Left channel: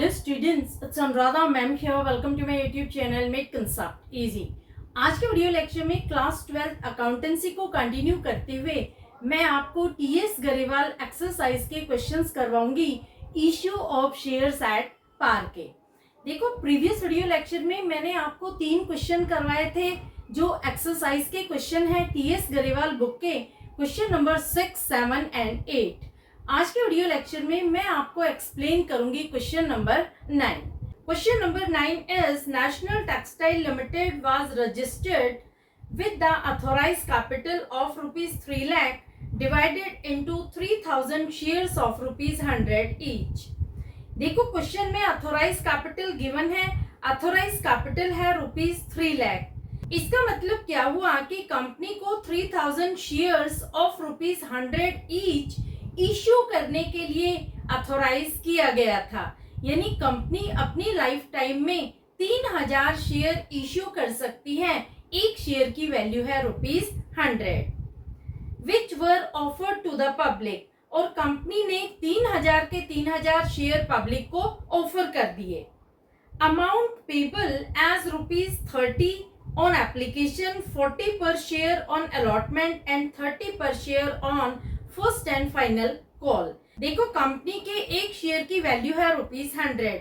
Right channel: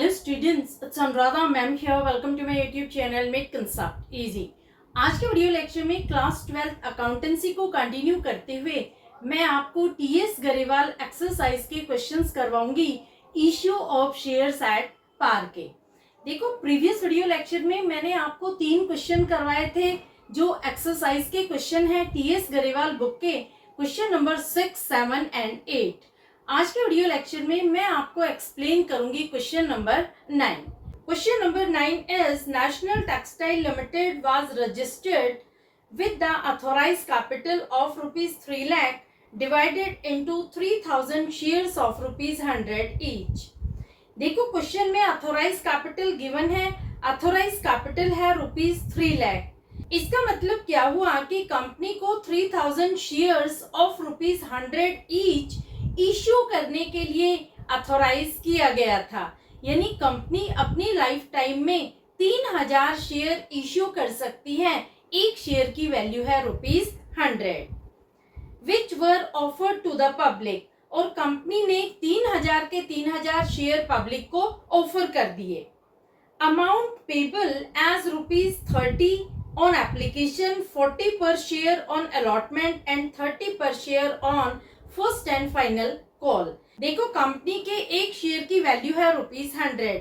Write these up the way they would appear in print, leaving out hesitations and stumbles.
Hello students, it's Anuradha ma'am here. Welcome to my YouTube channel Make Concept Easy. आज के video lecture में class 12 accountancy को continue करते हुए मैं आपको टीएस गरेवाल एक्सरसाइज के क्वेश्चंस करवाऊंगी issue of shares at par के। देखो प्रीवियस वीडियो लेक्चर में मैंने आपको 3 क्वेश्चन करवाए थे जो एक्सरसाइज के क्वेश्चन है टीएस गरेवाल बुक के क्वेश्चन नंबर 6, 7 एंड 8। आज के वीडियो लेक्चर में मैं आपको एक्सप्लेन करूंगी question number 9। Question number 9 is National Textile Limited was registered with the authorised capital of ₹3 lakh divided into 3000 shares of ₹100 each. देखो क्वेश्चन में ऑथोराइज्ड कैपिटल गिवन है, ऑथोराइज्ड कैपिटल है ₹3 लाख। इसका मतलब क्या हुआ कि कंपनी को 3000 शेयर्स ऑफ ₹100 ईच इश्यू करने के लिए अथोराइज किया गया था, यानी कंपनी अपनी लाइफ टाइम में 3000 शेयर इश्यू कर सकती है। एक शेयर की वैल्यू है ₹100 which were offered to the public, और कंपनी ने 3000 के 3000 शेयर पब्लिक को ऑफर कर दिए। Amount payable as ₹30 on application, 40 per share on allotment and 30 per share on first and final call. देखो कंपनी के एक शेयर की वैल्यू है ₹100।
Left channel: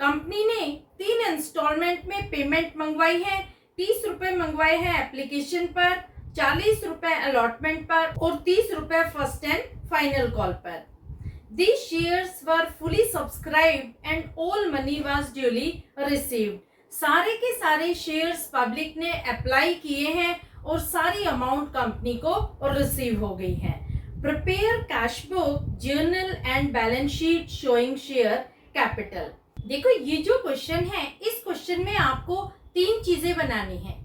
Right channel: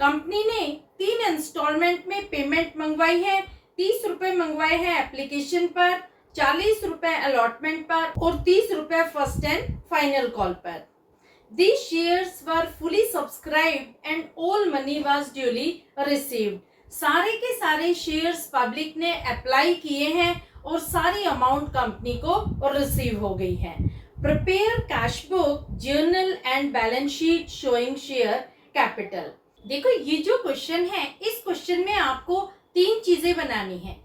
कंपनी ने 3 इंस्टॉलमेंट में पेमेंट मंगवाई है। 30 रुपए मंगवाए हैं एप्लीकेशन पर, 40 रुपए अलॉटमेंट पर और 30 रुपए फर्स्ट एंड फाइनल कॉल पर। These shares were fully subscribed and all money was duly received. सारे के सारे शेयर्स पब्लिक ने अप्लाई किए हैं और सारी अमाउंट कंपनी को रिसीव हो गई है। Prepare cash book, journal and balance sheet showing share capital. देखो ये जो क्वेश्चन है, इस क्वेश्चन में आपको 3 चीजें बनानी है।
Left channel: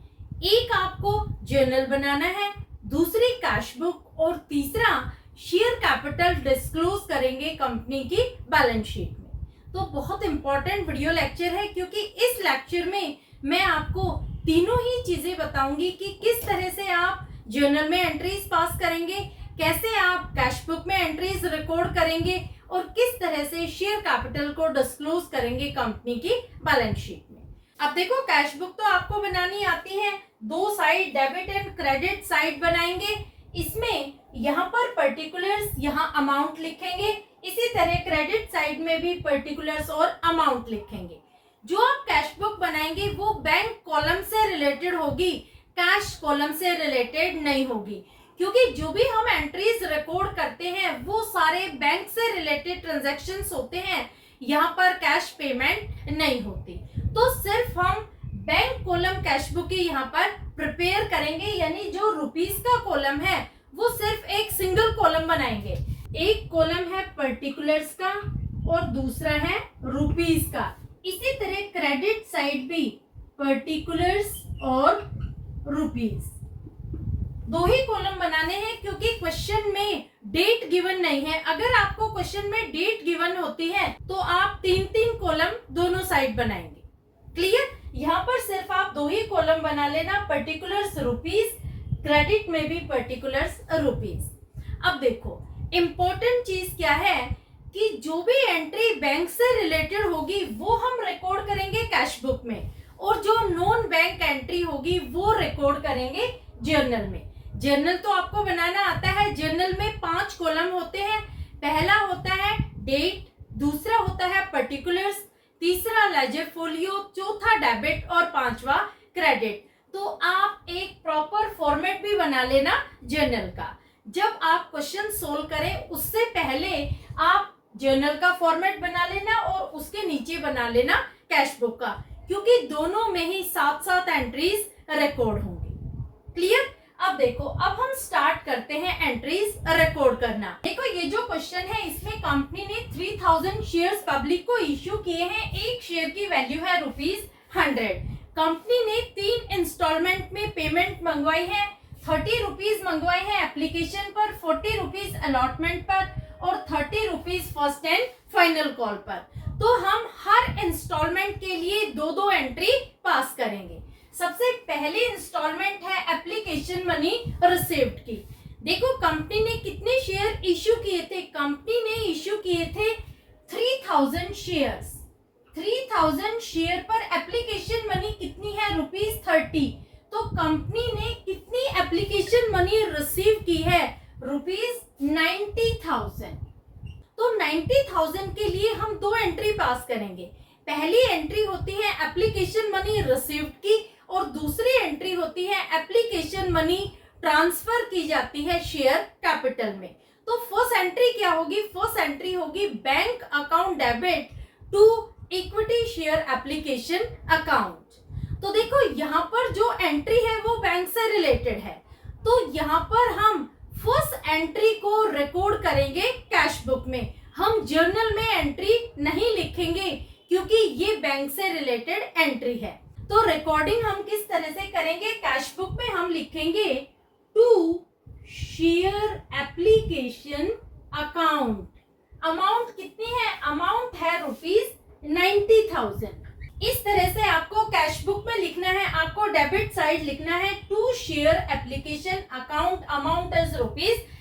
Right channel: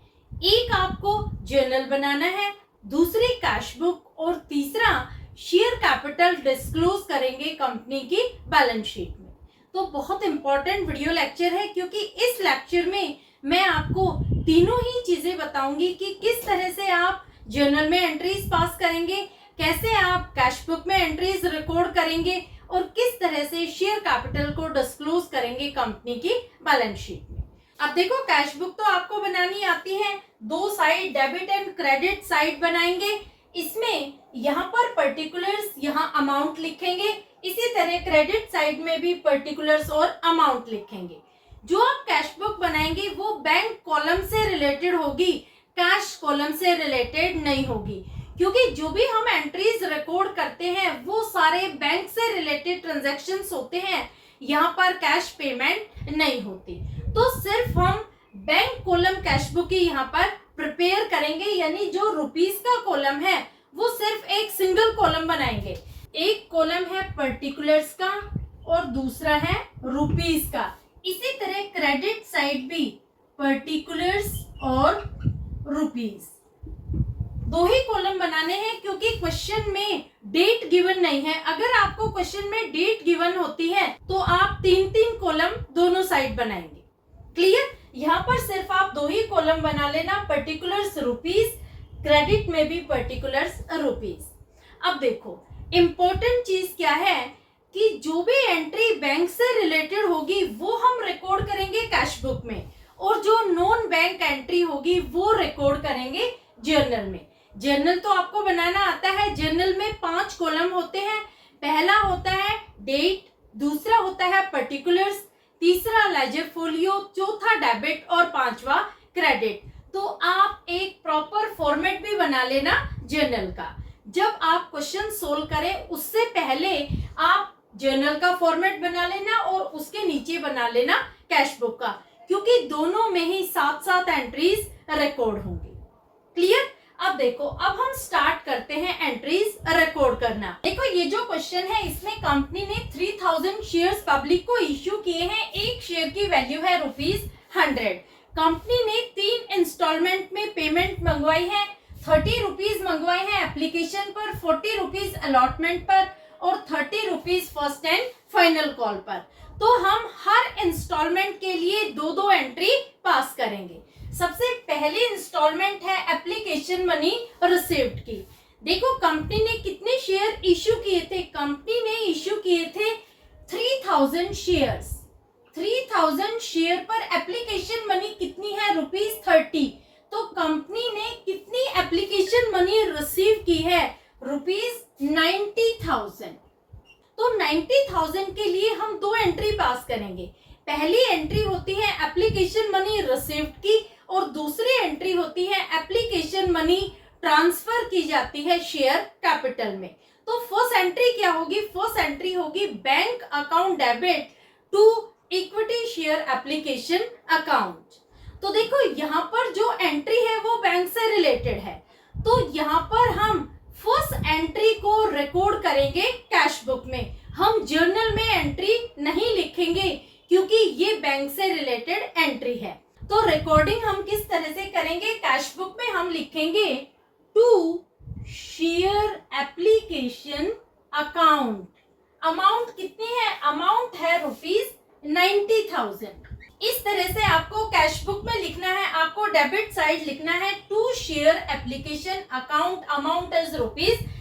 एक आपको जर्नल बनाना है, दूसरी कैश बुक और तीसरा शेयर कैपिटल डिस्क्लोज करेंगे कंपनी की बैलेंस शीट में। तो बहुत इंपॉर्टेंट वीडियो लेक्चर है क्योंकि इस लेक्चर में मैं आपको तीनों ही चीजें बताऊंगी कि किस तरह से आप जर्नल में एंट्रीज पास करेंगे, कैसे आप कैश बुक में एंट्रीज रिकॉर्ड करेंगे और किस तरह से शेयर कैपिटल को डिस्क्लोज करेंगे कंपनी की बैलेंस शीट में। अब देखो कैश बुक तो आपको बनानी आती है, 2 side debit and credit side बनाएंगे। इसमें यहाँ पर पर्टिकुलर्स, यहाँ अमाउंट लिखेंगे, इसी तरह क्रेडिट साइड में भी पर्टिकुलर्स और अमाउंट लिखेंगे। जो आप कैश बुक बनाएंगे वो बैंक कॉलम से रिलेटेड होगी, कैश कॉलम से रिलेटेड नहीं होगी, क्योंकि जो भी हम एंट्रीज रिकॉर्ड करते हैं वो सारे बैंक से रिलेटेड ट्रांजैक्शंस होते हैं। यहाँ पर कैश पेमेंट नहीं होती, तो सिर्फ हम बैंक कॉलम कैश बुक की यहाँ पर प्रिपेयर करेंगे, यानी जो रुपीस का कॉलम है वो सिर्फ एक सिंगल कॉलम बनाएंगे। एक कॉलम है पर्टिकुलर्स का और दूसरा है रुपीस का। इसी तरह क्रेडिट साइड भी पर्टिकुलर्स और रुपीस, 2 ही कॉलम बनाने हैं क्योंकि क्वेश्चन में डेट गिवन नहीं है। अगर आपको क्वेश्चन में डेट गिवन होती है तो आप 3-3 कॉलम दोनों साइड बनाएंगे। क्लियर? यहाँ पर सिर्फ आप 2 ही कॉलम बना लेना, पर्टिकुलर्स रुपीस, क्रेडिट में भी पर्टिकुलर्स रुपीस। अब देखो इंपॉर्टेंट चीज क्या है कि जो भी एंट्री बैंक से रिलेटेड होगी वो हम रिकॉर्ड करेंगे कैश बुक में, और जो नॉन बैंक एंट्री होगी वो रिकॉर्ड करेंगे जर्नल में। जर्नल तो आपको बनाना आता है। जर्नल में 5 कॉलम होते हैं। पहला होता है डेट, दूसरा होता है पर्टिकुलर्स, तीसरा लेजर फोलियो, चौथा डेबिट और 5वां क्रेडिट। तो आप एक प्रॉपर फॉर्मेट भी बना लेना जर्नल का। जब आप क्वेश्चन सोल्व करें उससे पहले आप जर्नल का फॉर्मेट बना लेना और उसके नीचे बना लेना कैश बुक का, क्योंकि दोनों में ही साथ-साथ एंट्रीज रिकॉर्ड होंगी। क्लियर? अब देखो, अब हम स्टार्ट करते हैं एंट्रीज रिकॉर्ड करना। देखो ये जो क्वेश्चन है इसमें कंपनी ने 3000 शेयर्स पब्लिक को इश्यू किए हैं। एक शेयर की वैल्यू है ₹100। कंपनी ने 3 इंस्टॉलमेंट में पेमेंट मंगवाई है। 30 रुपीज मंगवाए हैं एप्लीकेशन पर, 40 रुपीज अलॉटमेंट पर और 30 rupees first and final call पर। तो हम हर इंस्टॉलमेंट के लिए 2-2 एंट्री पास करेंगे। सबसे पहले इंस्टॉलमेंट है एप्लीकेशन मनी रिसीव्ड की। देखो कंपनी ने कितने शेयर इश्यू किए थे? कंपनी ने इश्यू किए थे 3000 शेयर्स। 3000 शेयर पर एप्लीकेशन मनी कितनी है? ₹30। तो कंपनी ने कितनी एप्लीकेशन मनी रिसीव की है? ₹90,000। तो 90,000 के लिए हम दो एंट्री पास करेंगे। पहली एंट्री होती है एप्लीकेशन मनी रिसीव्ड की और दूसरी एंट्री होती है एप्लीकेशन मनी ट्रांसफर की जाती है शेयर कैपिटल में। तो फर्स्ट एंट्री क्या होगी? फर्स्ट एंट्री होगी bank account debit to equity share application account. तो देखो यहाँ पर जो एंट्री है वो बैंक से रिलेटेड है, तो यहाँ पर हम फर्स्ट एंट्री को रिकॉर्ड करेंगे कैश बुक में। हम जर्नल में एंट्री नहीं लिखेंगे क्योंकि ये बैंक से रिलेटेड एंट्री है। तो रिकॉर्डिंग हम किस तरह से करेंगे? कैश बुक में हम लिखेंगे to share application account. Amount कितनी है? अमाउंट है ₹90,000। इस तरह से आपको कैश बुक में लिखना है, आपको डेबिट साइड लिखना है to share application account, amount is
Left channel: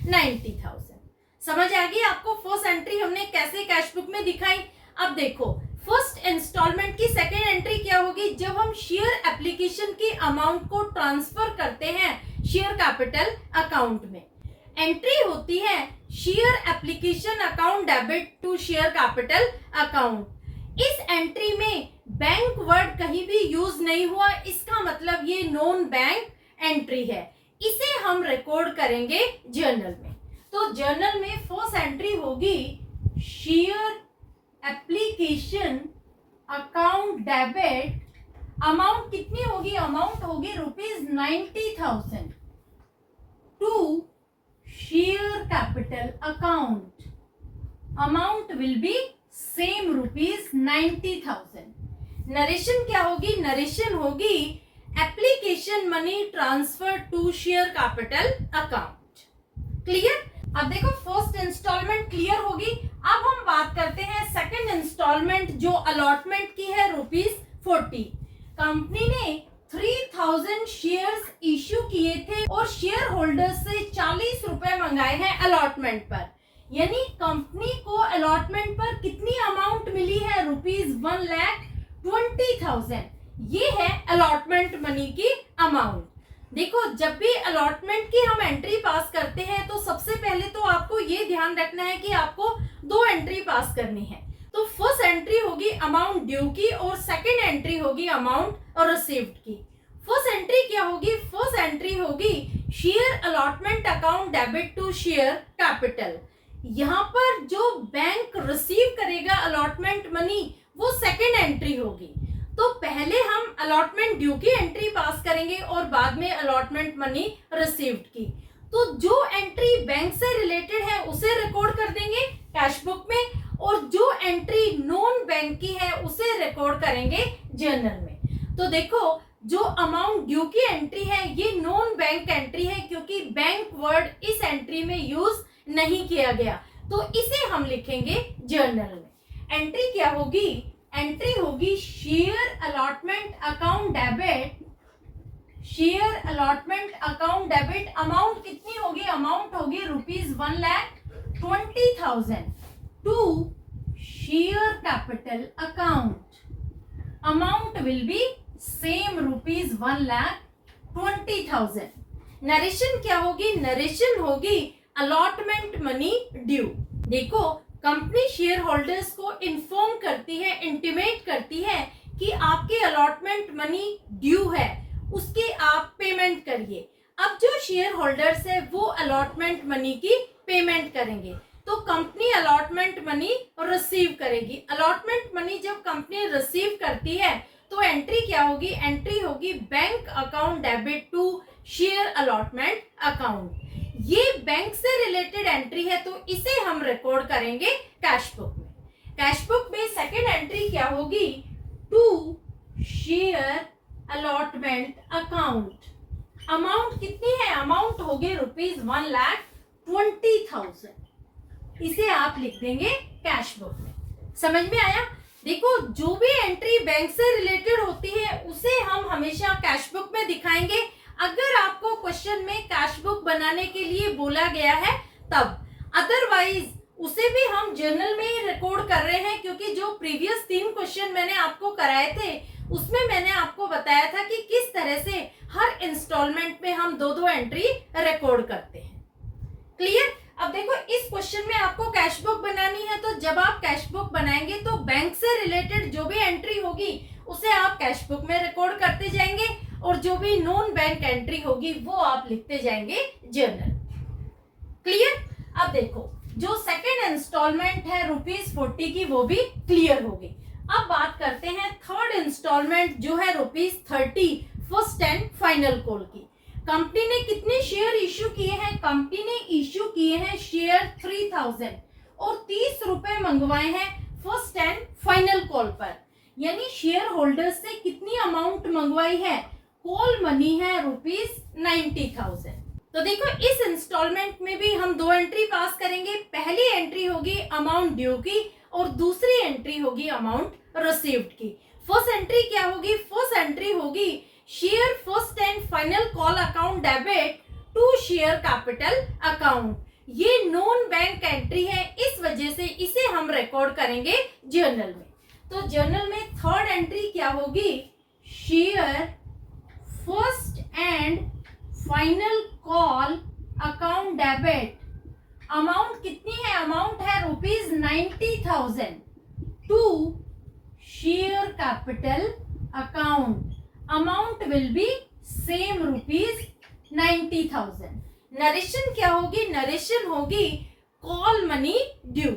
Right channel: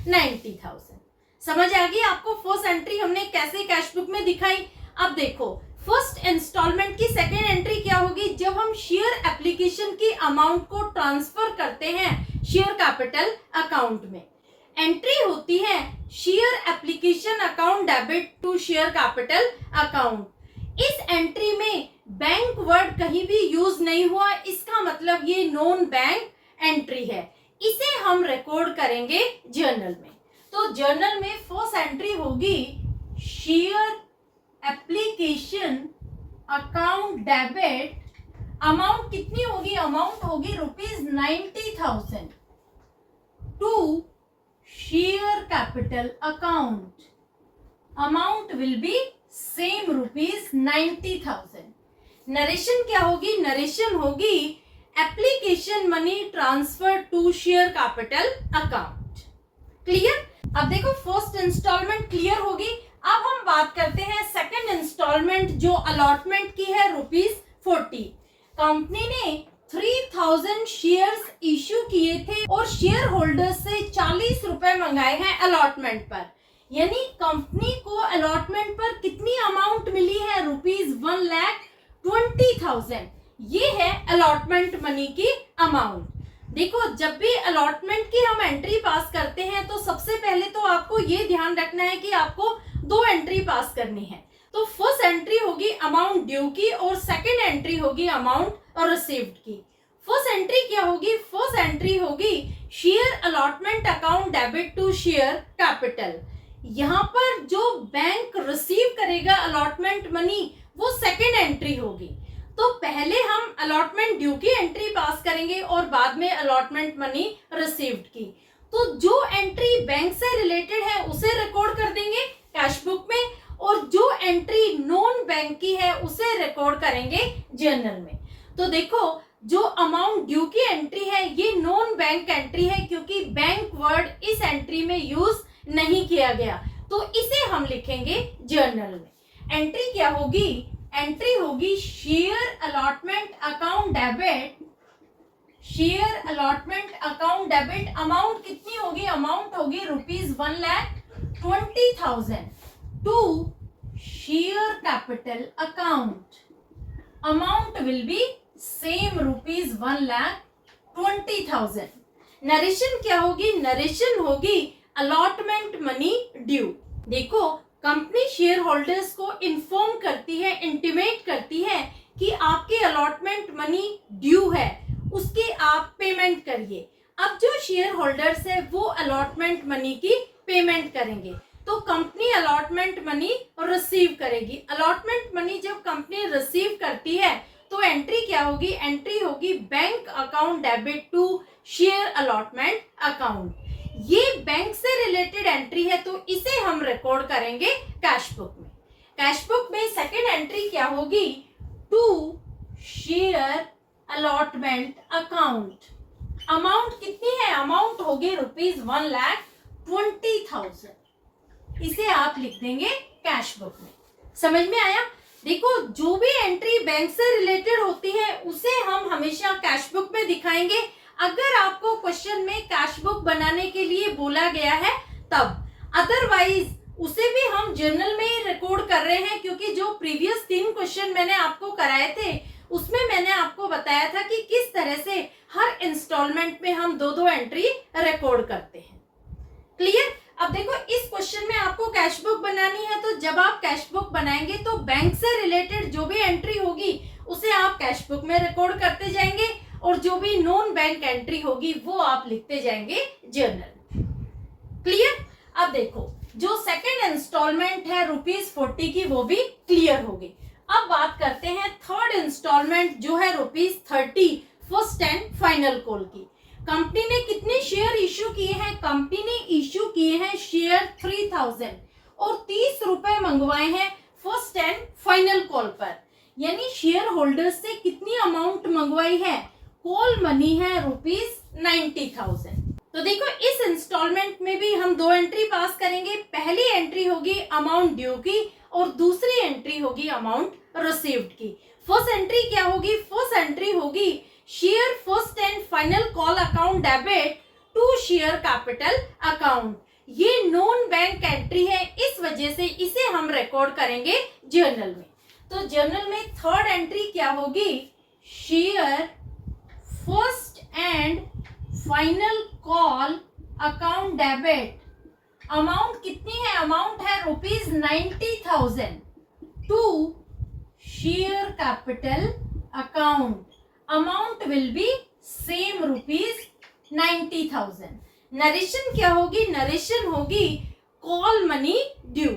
₹90,000। समझ आ गई आपको फर्स्ट एंट्री हमने कैसे कैश बुक में दिखाई? अब देखो फर्स्ट इंस्टॉलमेंट की सेकेंड एंट्री क्या होगी? जब हम शेयर एप्लीकेशन की अमाउंट को ट्रांसफर करते हैं शेयर कैपिटल अकाउंट में, एंट्री होती है share application account debit to share capital account. इस एंट्री में बैंक वर्ड कहीं भी यूज नहीं हुआ, इसका मतलब ये नॉन बैंक एंट्री है। इसे हम रिकॉर्ड करेंगे जर्नल में। तो जर्नल में फर्स्ट एंट्री होगी share application account debit. Amount कितनी होगी? अमाउंट होगी ₹90,000 to share capital account. Amount will be same ₹90,000। Narration क्या होगी? नरेशन होगी application money transfer to share capital account. Clear? अब देखो फर्स्ट इंस्टॉलमेंट क्लियर होगी। अब हम बात करते हैं सेकंड इंस्टॉलमेंट जो अलॉटमेंट की है ₹40। कंपनी ने 3000 शेयर्स इश्यू किए थे और शेयर होल्डर्स से 40 रुपए मंगाए हैं अलॉटमेंट पर। यानी कंपनी को अलॉटमेंट पर कितनी अमाउंट मिली है? ₹1,20,000। ये है अलॉटमेंट मनी की अमाउंट। देखो जब भी अलॉटमेंट की हम एंट्री पास करते हैं तो सबसे पहले तो आपको ये ध्यान रखना है कि आपको दो एंट्री पास करनी है। तो फर्स्ट एंट्री होगी अमाउंट ड्यू की और सेकंड एंट्री होगी अमाउंट रिसीव्ड की। फर्स्ट एंट्री क्या होगी? फर्स्ट एंट्री होगी share allotment account debit to share capital. यहाँ पर जो बैंक रिसीव करेगा अलॉटमेंट मनी वो सेकंड एंट्री होगी। तो पहले हम अलॉटमेंट ड्यू की एंट्री पास करेंगे और बाद में अलॉटमेंट मनी रिसीव्ड की। तो जो एंट्री बैंक से रिलेटेड है उसे रिकॉर्ड कर देंगे कैश बुक में और जो एंट्री नॉन बैंक की है उसे रिकॉर्ड करेंगे जर्नल में। तो देखो जो अमाउंट ड्यू की एंट्री है ये नॉन बैंक एंट्री है क्योंकि बैंक वर्ड इस एंट्री में यूज नहीं किया गया, तो इसे हम लिखेंगे जर्नल में। एंट्री क्या होगी? एंट्री होगी share allotment account debit. Share allotment account debit amount कितनी होगी? अमाउंट होगी ₹1,20,000 to share capital account. Amount will be same ₹1,20,000। Narration क्या होगी? नरेशन होगी अलॉटमेंट मनी ड्यू। देखो कंपनी शेयर होल्डर्स को इन्फॉर्म करती है, इंटीमेट करती है कि आपके अलॉटमेंट मनी ड्यू है, उसकी आप पेमेंट करिए। अब जो शेयर होल्डर्स है वो अलॉटमेंट मनी की पेमेंट करेंगे तो कंपनी अलॉटमेंट मनी रिसीव करेगी। अलॉटमेंट मनी जब कंपनी रिसीव करती है तो एंट्री क्या होगी? एंट्री होगी bank account debit to share allotment account. ये बैंक से रिलेटेड एंट्री है तो इसे हम रिकॉर्ड करेंगे कैश बुक में। कैश बुक में सेकंड एंट्री क्या होगी? To share allotment account. Amount कितनी है? अमाउंट होगी ₹1,20,000। इसे आप लिख देंगे कैश बुक में। समझ में आया? देखो जो भी एंट्री बैंक से रिलेटेड होती है उसे हम हमेशा कैश बुक में दिखाएंगे। अगर आपको क्वेश्चन में कैश बुक बनाने के लिए बोला गया है तब, अदरवाइज उसे भी हम जर्नल में रिकॉर्ड कर रहे हैं, क्योंकि जो प्रीवियस 3 क्वेश्चन मैंने आपको कराए थे उसमें मैंने आपको बताया था कि किस तरह से हर इंस्टॉलमेंट में हम 2-2 एंट्री रिकॉर्ड करते हैं। क्लियर? अब देखो, इस क्वेश्चन में आपको कैश बुक बनानी है, तो जब आप कैश बुक बनाएंगे तो बैंक से रिलेटेड जो भी एंट्री होगी उसे आप कैश बुक में रिकॉर्ड करते जाएंगे, और जो भी नॉन बैंक एंट्री होगी वो आप लिखते जाएंगे जर्नल। क्लियर? अब देखो, जो सेकंड इंस्टॉलमेंट है ₹40 की, वो भी क्लियर होगी। अब बात करते हैं थर्ड इंस्टॉलमेंट जो है ₹30 फर्स्ट एंड फाइनल कॉल की। कंपनी ने कितने शेयर इश्यू किए हैं? कंपनी ने इश्यू किए हैं शेयर 3000 और 30 रुपए मंगवाए हैं फर्स्ट एंड फाइनल कॉल पर। यानी शेयर होल्डर्स से कितनी अमाउंट मंगवाई है? कॉल मनी है ₹90,000। तो देखो, इस इंस्टॉलमेंट में भी हम 2 एंट्री पास करेंगे। पहली एंट्री होगी अमाउंट ड्यू की और दूसरी एंट्री होगी अमाउंट रिसीव्ड की। फर्स्ट एंट्री क्या होगी? फर्स्ट एंट्री होगी share first and final call account debit to share capital account. ये नॉन बैंक एंट्री है, इस वजह से इसे हम रिकॉर्ड करेंगे जर्नल में। तो जर्नल में थर्ड एंट्री क्या होगी? Share first and final call account debit. Amount कितनी है? अमाउंट है ₹90,000 to share capital account. Amount will be same ₹90,000। Narration क्या होगी? नरेशन होगी कॉल मनी ड्यू।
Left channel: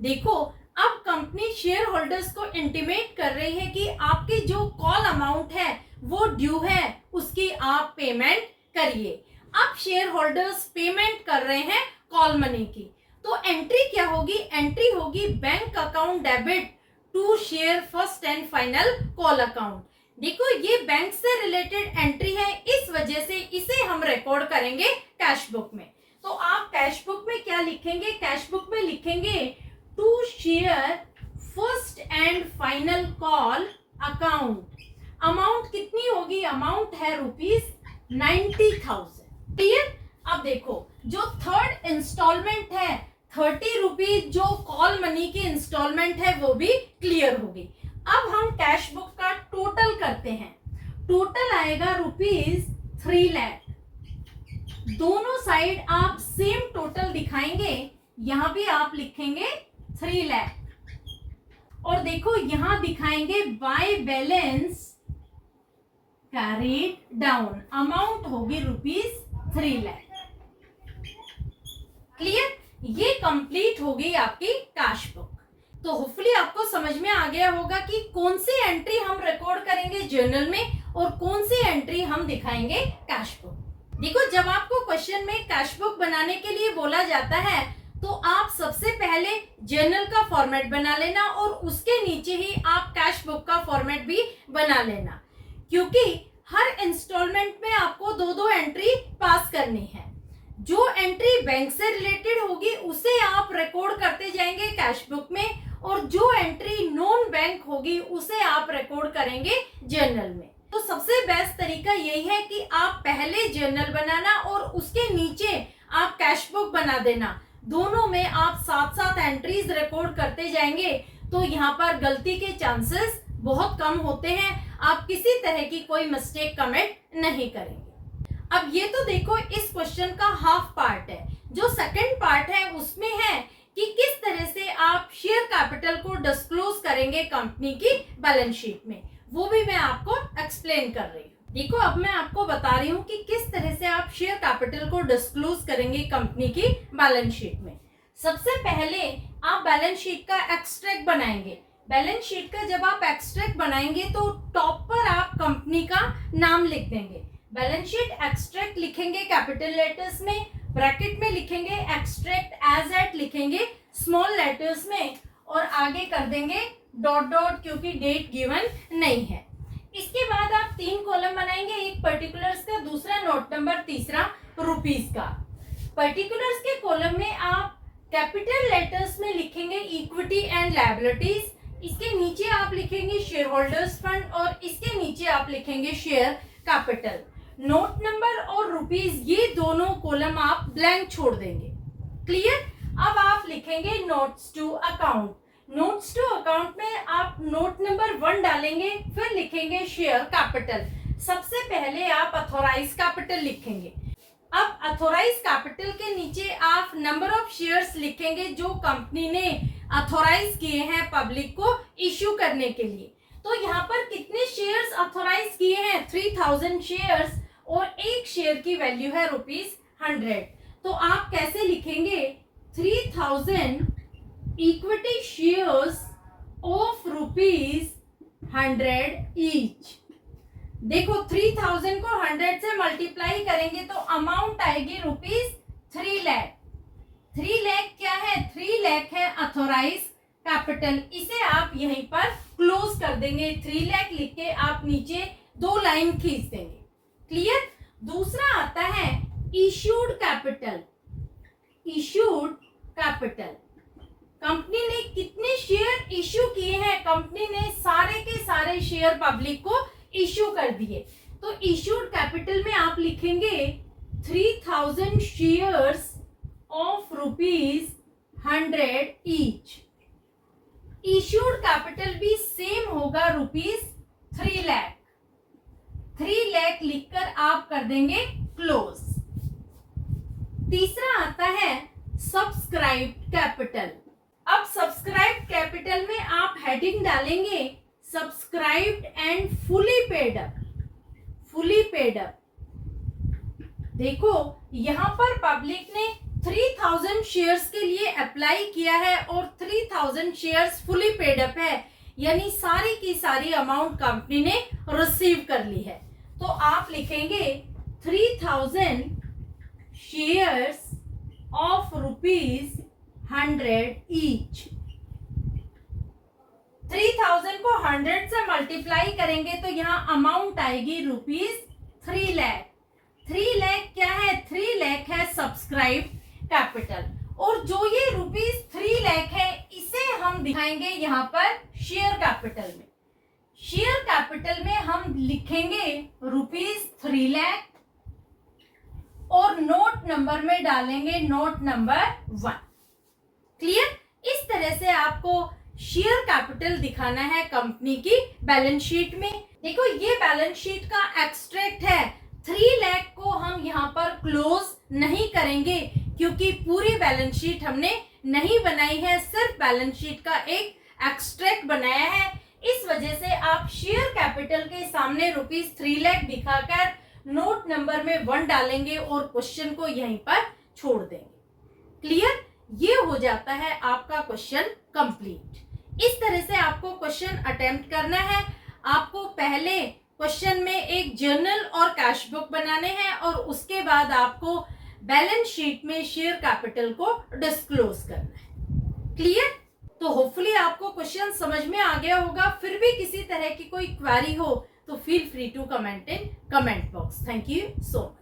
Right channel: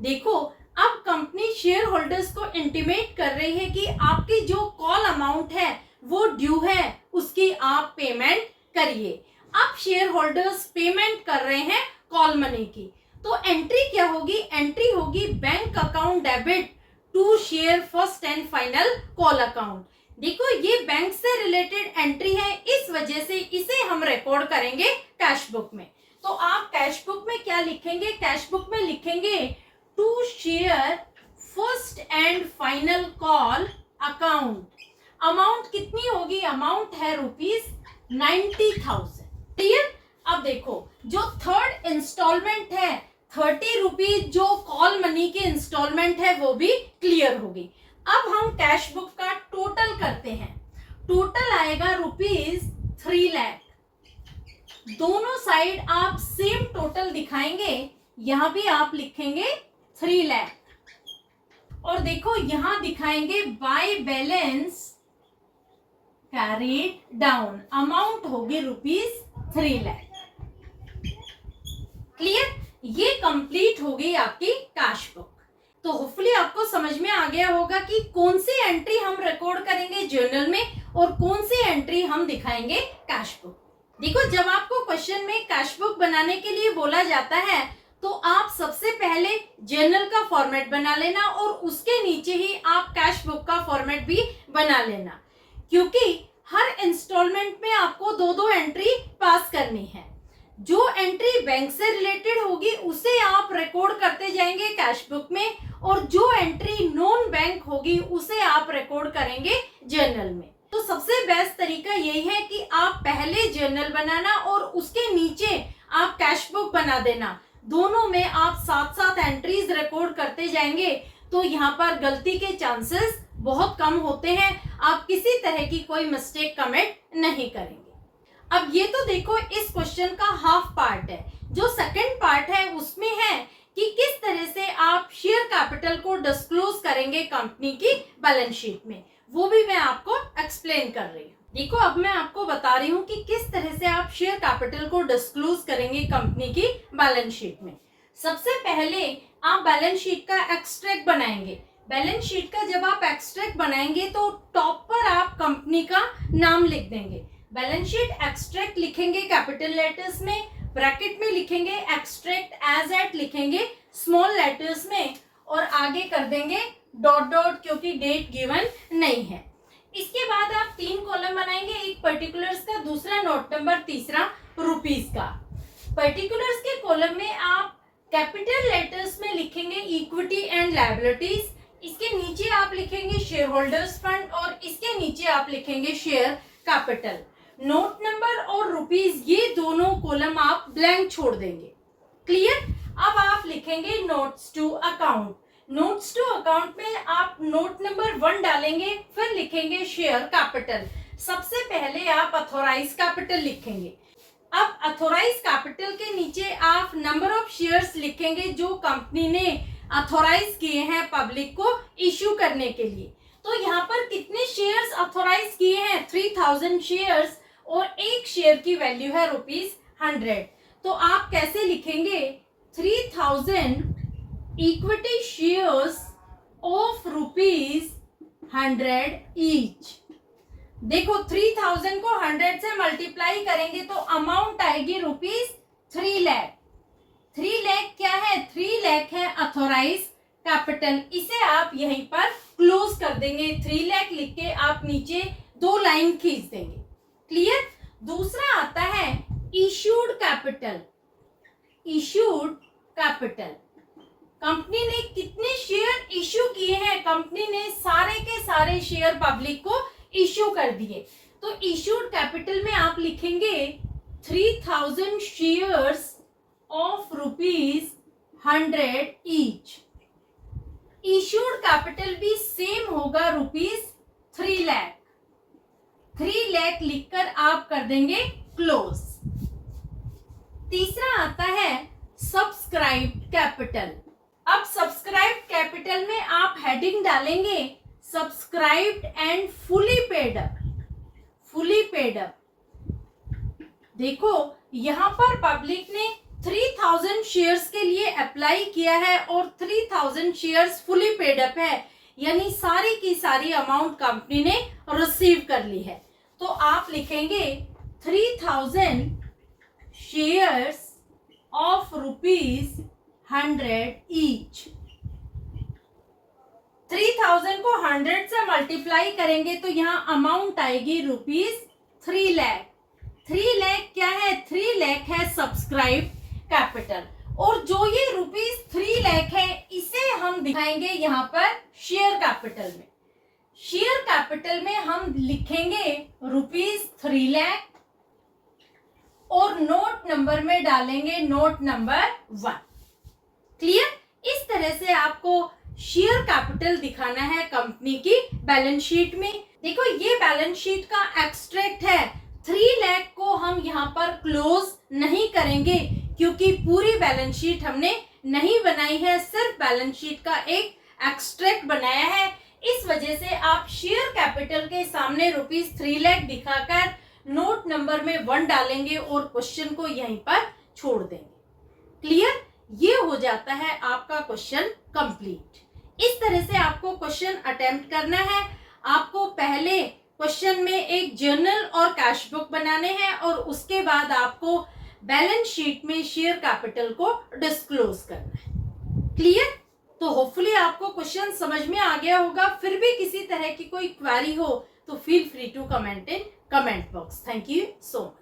देखो, अब कंपनी शेयर होल्डर्स को इंटीमेट कर रही है कि आपकी जो कॉल अमाउंट है वो ड्यू है, उसकी आप पेमेंट करिए। अब शेयर होल्डर्स पेमेंट कर रहे हैं कॉल मनी की, तो एंट्री क्या होगी? एंट्री होगी bank account debit to share first and final call account. देखो, ये बैंक से रिलेटेड एंट्री है, इस वजह से इसे हम रिकॉर्ड करेंगे कैश बुक में। तो आप कैश बुक में क्या लिखेंगे? कैश बुक में लिखेंगे to share first and final call account. Amount कितनी होगी? अमाउंट है ₹90,000। क्लियर? अब देखो, जो थर्ड इंस्टॉलमेंट है ₹30 जो कॉल मनी की इंस्टॉलमेंट है वो भी क्लियर होगी। अब हम कैश बुक का टोटल करते हैं। टोटल आएगा ₹3 लाख। दोनों साइड आप सेम टोटल दिखाएंगे, यहां भी आप लिखेंगे 3 लाख, और देखो यहां दिखाएंगे by balance carried down. Amount होगी ₹3 लाख। क्लियर? ये कंप्लीट हो गई आपकी कैश बुक। तो होपफुली आपको समझ में आ गया होगा कि कौन सी एंट्री हम रिकॉर्ड करेंगे जर्नल में और कौन सी एंट्री हम दिखाएंगे कैश बुक। देखो, जब आपको क्वेश्चन में कैश बुक बनाने के लिए बोला जाता है तो आप सबसे पहले जर्नल का फॉर्मेट बना लेना और उसके नीचे ही आप कैश बुक का फॉर्मेट भी बना लेना, क्योंकि हर इंस्टॉलमेंट में आपको 2-2 एंट्री पास करनी है। जो एंट्री बैंक से रिलेटेड होगी उसे आप रिकॉर्ड करते जाएंगे कैश बुक में, और जो एंट्री नॉन बैंक होगी उसे आप रिकॉर्ड करेंगे जर्नल में। तो सबसे बेस्ट तरीका यही है कि आप पहले जर्नल बनाना और उसके नीचे आप कैश बुक बना देना। दोनों में आप साथ साथ एंट्रीज रिकॉर्ड करते जाएंगे, तो यहाँ पर गलती के चांसेस बहुत कम होते हैं। आप किसी तरह की कोई मिस्टेक कमिट नहीं करेंगे। अब ये तो देखो, इस क्वेश्चन का हाफ पार्ट है। जो सेकंड पार्ट है उसमें है कि किस तरह से आप शेयर कैपिटल को डिस्क्लोज करेंगे कंपनी की बैलेंस शीट में, वो भी मैं आपको एक्सप्लेन कर रही हूँ। देखो, अब मैं आपको बता रही हूँ कि किस तरह से आप शेयर कैपिटल को डिस्क्लोज करेंगे कंपनी की बैलेंस शीट में। सबसे पहले आप बैलेंस शीट का एक्सट्रैक्ट बनाएंगे। बैलेंस शीट का जब आप एक्सट्रैक्ट बनाएंगे तो टॉप पर आप कंपनी का नाम लिख देंगे। बैलेंस शीट एक्सट्रैक्ट लिखेंगे कैपिटल लेटर्स में, ब्रैकेट में लिखेंगे एक्सट्रैक्ट एज एट लिखेंगे स्मॉल लेटर्स में, और आगे कर देंगे डॉट डॉट, क्योंकि डेट गिवन नहीं है। इसके बाद आप 3 कॉलम बनाएंगे, एक पर्टिकुलर्स का, दूसरा नोट नंबर, तीसरा रुपीस का। पर्टिकुलर्स के कॉलम में आप कैपिटल लेटर्स में लिखेंगे इक्विटी एंड लायबिलिटीज, इसके नीचे आप लिखेंगे शेयर होल्डर्स फंड, और इसके नीचे आप लिखेंगे शेयर कैपिटल। नोट नंबर और रुपीस ये दोनों कॉलम आप ब्लैंक छोड़ देंगे। क्लियर? अब आप लिखेंगे notes to account. Notes to account में आप नोट नंबर 1 डालेंगे, फिर लिखेंगे शेयर कैपिटल। सबसे पहले आप अथोराइज कैपिटल लिखेंगे। अब अथोराइज कैपिटल के नीचे आप नंबर ऑफ शेयर्स लिखेंगे जो कंपनी ने अथोराइज किए हैं पब्लिक को इश्यू करने के लिए। तो यहाँ पर कितने शेयर्स अथोराइज किए हैं? 3000 शेयर्स, और एक शेयर की वैल्यू है ₹100। तो आप कैसे लिखेंगे? 3000 इक्विटी शेयर्स ऑफ ₹100 ईच। देखो 3000 को 100 से मल्टीप्लाई करेंगे तो अमाउंट आएगी ₹3 लाख। 3 लाख क्या है? 3 लाख है अथोराइज कैपिटल। इसे आप यहीं पर क्लोज कर देंगे। 3 लाख लिख के आप नीचे 2 लाइन खींच देंगे। क्लियर? दूसरा आता है issued capital. Issued capital, company ने कितने शेयर इश्यू किए हैं? कंपनी ने सारे के सारे शेयर पब्लिक को इश्यू कर दिए। तो इश्यूड कैपिटल में आप लिखेंगे 3000 shares of ₹100 each. Issued capital भी सेम होगा ₹3 लाख। 3 लाख लिखकर आप कर देंगे क्लोज। तीसरा आता है सब्सक्राइब्ड कैपिटल। अब सब्सक्राइब्ड कैपिटल में आप हेडिंग डालेंगे subscribed and fully paid up. Fully paid up, देखो यहां पर पब्लिक ने 3000 शेयर्स के लिए अप्लाई किया है और 3000 शेयर्स फुली पेड अप है, यानी सारी की सारी अमाउंट कंपनी ने रिसीव कर ली है। तो आप लिखेंगे 3000 शेयर्स ऑफ ₹100 ईच। 3000 को 100 से मल्टीप्लाई करेंगे तो यहाँ अमाउंट आएगी ₹3 लाख। 3 लाख क्या है? 3 लाख है सब्सक्राइब कैपिटल। और जो ये ₹3 लाख है इसे हम दिखाएंगे यहाँ पर शेयर कैपिटल में। शेयर कैपिटल में हम लिखेंगे ₹3 लाख और नोट नंबर में डालेंगे नोट नंबर 1। क्लियर? इस तरह से आपको शेयर कैपिटल दिखाना है कंपनी की बैलेंस शीट में। देखो ये बैलेंस शीट का एक्सट्रैक्ट है। 3 लाख को हम यहाँ पर क्लोज नहीं करेंगे क्योंकि पूरी बैलेंस शीट हमने नहीं बनाई है, सिर्फ बैलेंस शीट का एक एक्सट्रैक्ट बनाया है। इस वजह से आप शेयर कैपिटल के सामने ₹3 लाख दिखाकर नोट नंबर में 1 डालेंगे और क्वेश्चन को यहीं पर छोड़ देंगे। क्लियर? ये हो जाता है आपका क्वेश्चन कंप्लीट। इस तरह से आपको क्वेश्चन अटेम्प्ट करना है। आपको पहले क्वेश्चन में एक जर्नल और कैश बुक बनाने हैं और उसके बाद आपको बैलेंस शीट में शेयर कैपिटल को डिस्क्लोज करना है। क्लियर? तो होपफुली आपको क्वेश्चन समझ में आ गया होगा। फिर भी किसी तरह की कोई क्वेरी हो तो feel free to comment in comment box. Thank you so much.